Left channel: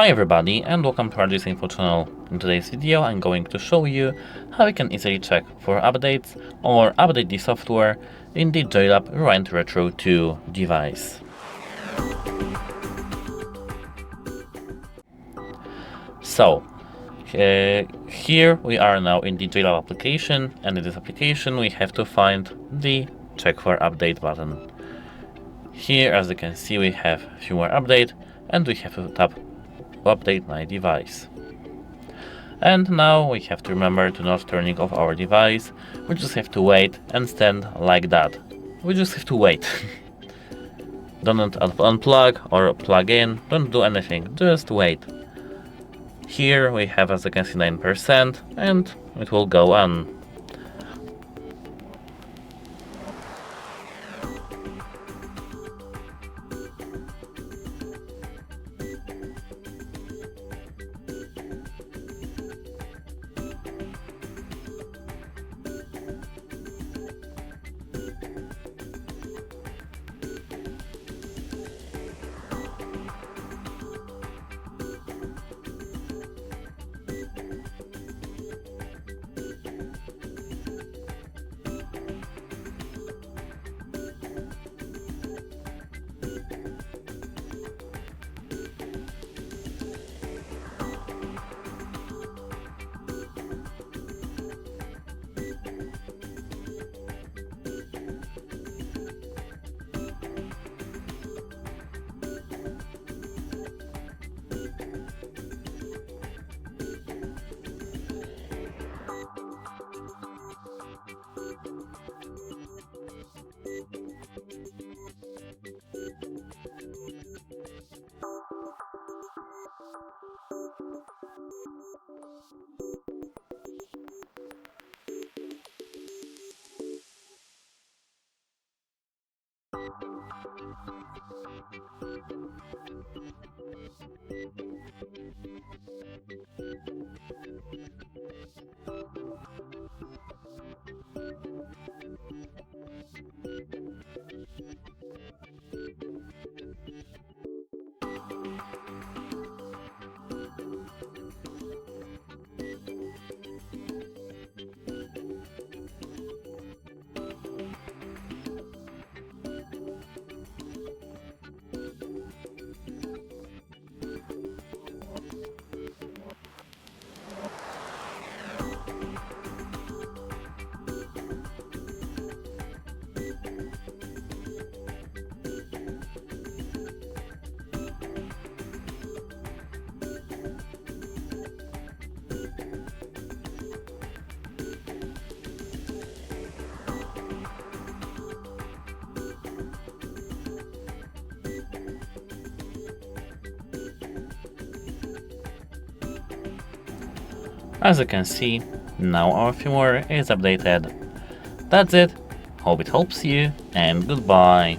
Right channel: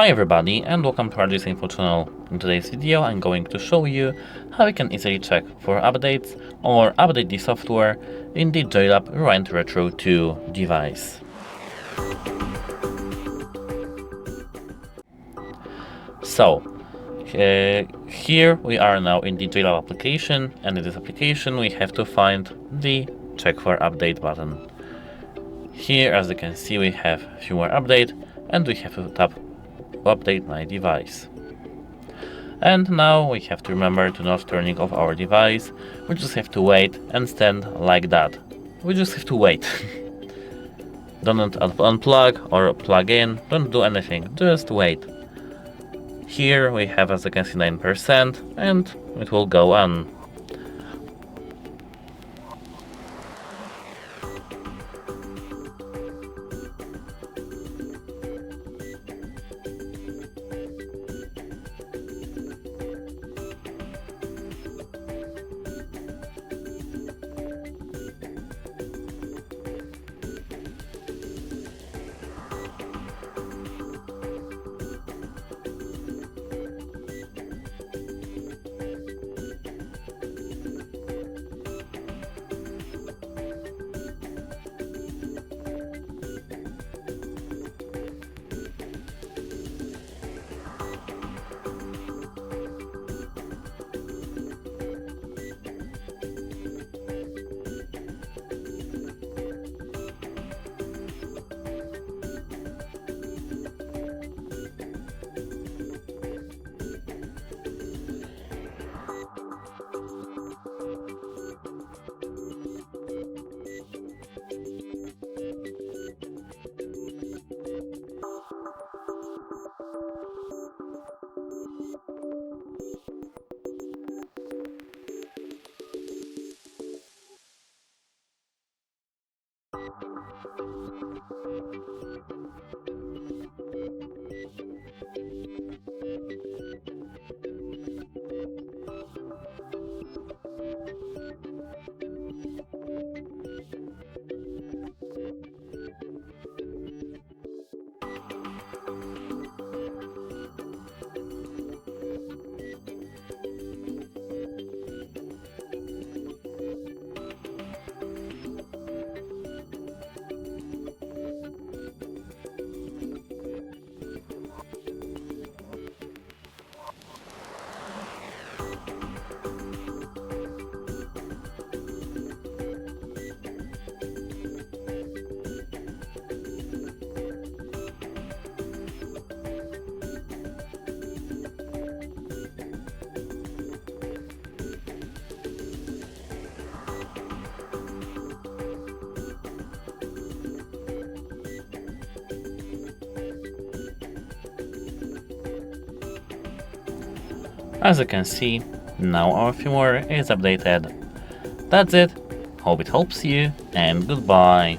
Hi everybody and welcome to our info channel. In today's video I'm going to show you how you can easily check for updates or update the software in the JLAB Rewind Retro 2 device. So here we are now in the JLAB application, and in this application we have to find the check for update button. Here, as you can see, we have firmware update and we have to tap update my device. And now we have to remember to not turning off our device. We just have to wait and stand like that. We just have to wait. Don't unplug or plug in, don't do anything, just wait. Here we have, as you can see, 9% and it will go on. As you can see, now our firmware is updated. That's it, hope it helps you, and goodbye.